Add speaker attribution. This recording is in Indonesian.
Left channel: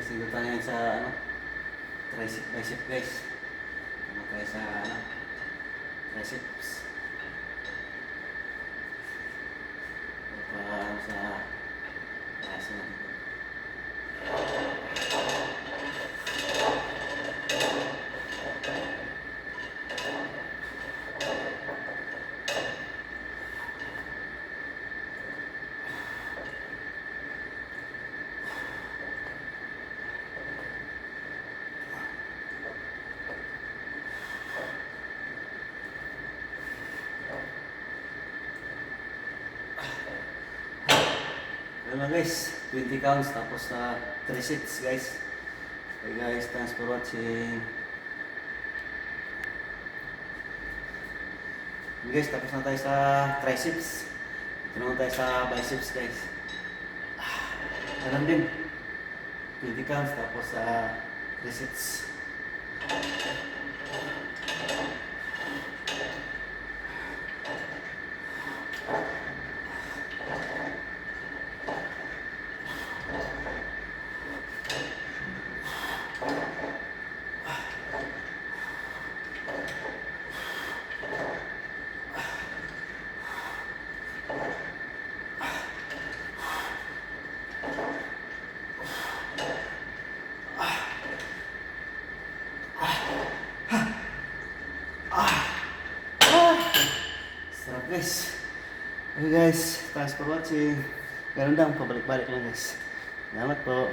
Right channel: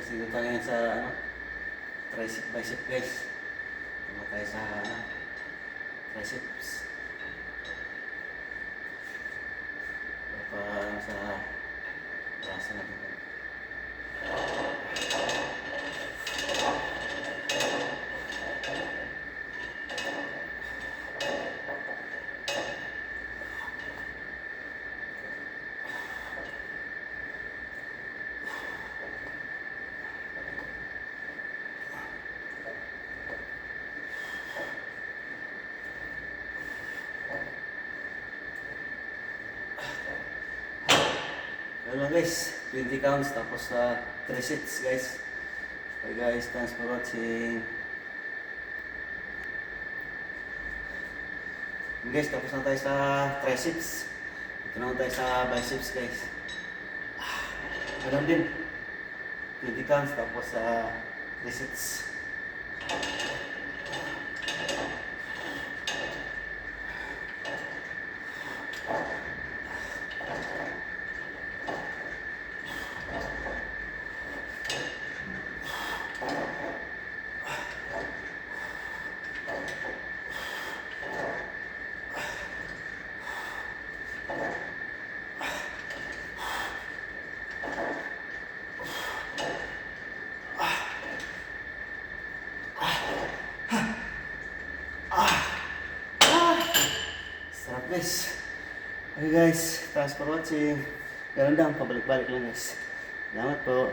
Speaker 1: guys, nandito tayo sa ano, tricep bicep guys. Tama tayo sa ano, triceps. Pa ano sa braso natin. Ano lang guys, 20 counts tapos sa 3 sets guys. Okay guys, thanks for watching. Okay guys, tapos na tayo sa triceps. Ito naman tayo sa biceps guys. Ah, Ganun din. 20 counts tapos sa 3 sets. Sarap guys. Okay guys, thanks for watching. Ganun lang, pabalik-balik lang guys. Salamat po.